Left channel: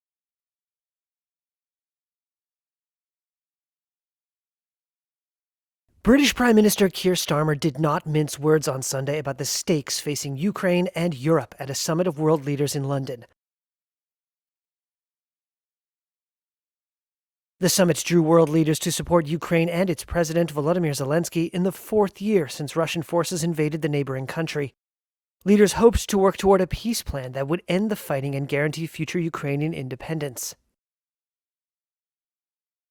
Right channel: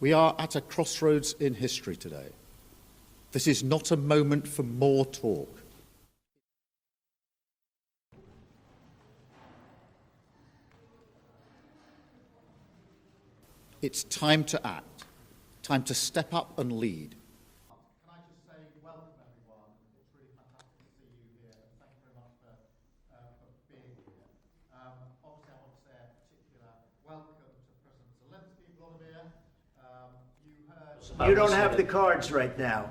We are at a crossroads in history today. This is not a moment for more talk. British Prime Minister Keir Starmer did not mince words on Sunday about the stakes facing Ukraine and Europe at a summit of world leaders in London. It's time to act, time to step up and lead. The summit drew world leaders to support Ukraine and its president Volodymyr Zelensky in the fourth year since Russian forces invaded the neighboring country. Leaders hoped to work toward a peace plan that would end the fighting and guarantee future Ukrainian independence. You don't have the cards right now.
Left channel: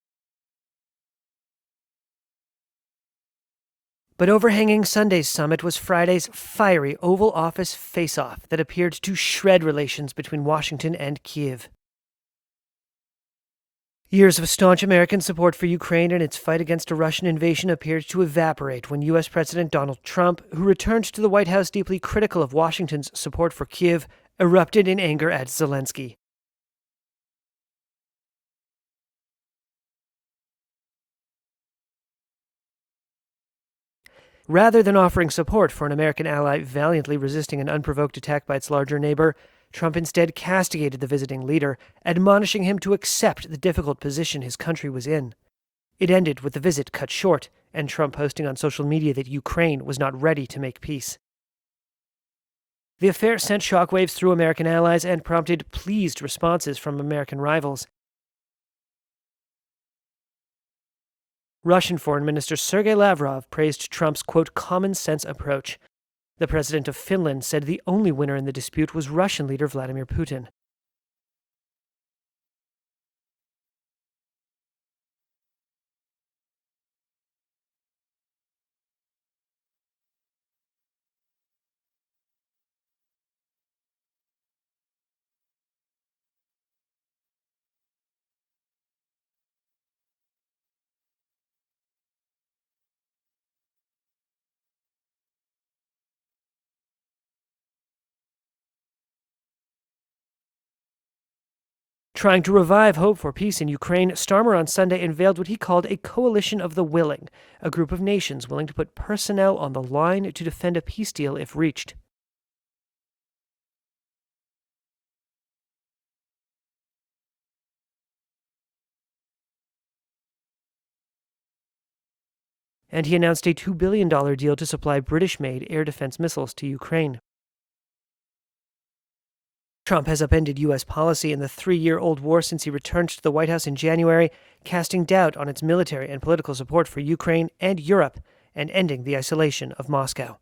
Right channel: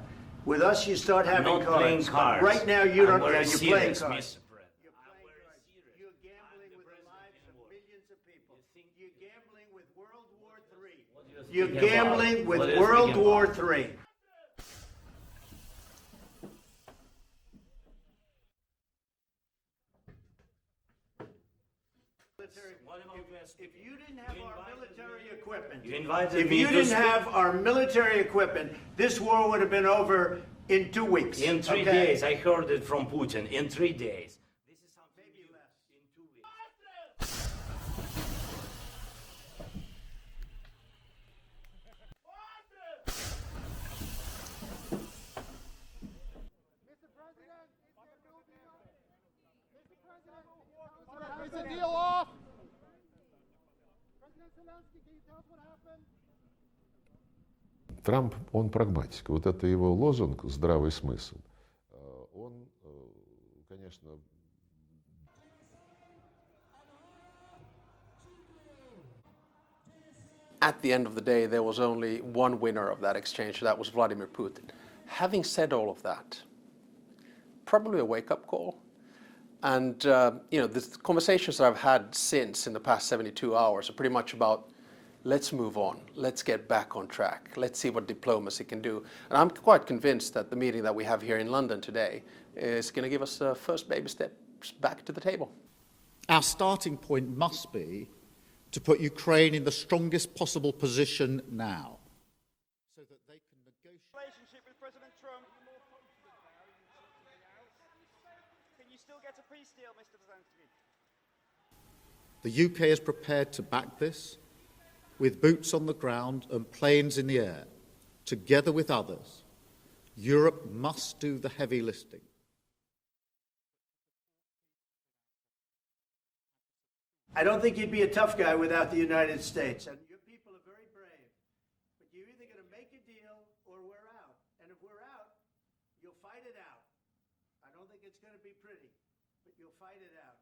With us, you start having cards. Right now, you don't. Yeah, you're playing cards. But overhanging Sunday's summit was Friday's fiery Oval Office face-off that appeared to shred relations between Washington and Kyiv. You're gambling with World War III. Years of staunch American support for Ukraine and its fight against a Russian invasion appeared to evaporate when U.S. President Donald Trump, who returned to the White House deeply critical of Washington's support for Kyiv, erupted in anger at Zelensky. If you didn't have our military equipment, this war would have been over in 2 weeks. In 3 days, I heard it from Putin, in 3 days. Rather than offering support for an American ally valiantly resisting an unprovoked attack by its larger neighbor, Trump instead castigated the visiting leader, admonishing him to accept the difficult position his country was in. It ended with the visit cut short, and Trump posting on social media that Ukraine was not ready to make peace. The affair sent shockwaves through American allies and prompted pleased responses from American rivals. Трамп, он прагматик. Вот это его лозунг «здравый смысл». Russian Foreign Minister Sergei Lavrov praised Trump's, quote, common-sense approach. The president of Finland said the only winner in the dispute was Russian leader Vladimir Putin. At the end of the day, there was only one winner of that exchange, that was Vladimir Putin. Having said all of that, probably a wake-up call. And, the conversations that I've had since in the past 72 hours are pretty much about, let's move on, let's get back on track, let's see what diplomacy can do. And I'm quite convinced that the meeting that we have here in London today is going to give us the first baby steps back to the table. Our starting point must be to put Ukraine in the strongest possible position now. Trying to revive hope for peace in Ukraine, Starmer on Sunday unveiled what he called a coalition of the willing, a group of nations willing to put personnel on the line to defend a peace deal if reached. The UK is prepared to back this, with boots on the ground and planes in the air, together with others. Europe must do the heavy lifting. And he announced a $2 billion deal to supply British-made air defense missiles to Ukraine. I don't think you'd be a tough guy without the United States. Trump has upended U.S. policy in the 3-year-old war since he returned to the White House in January, casting doubt on its military and political support for Ukraine and Europe, and ending the isolation of Moscow.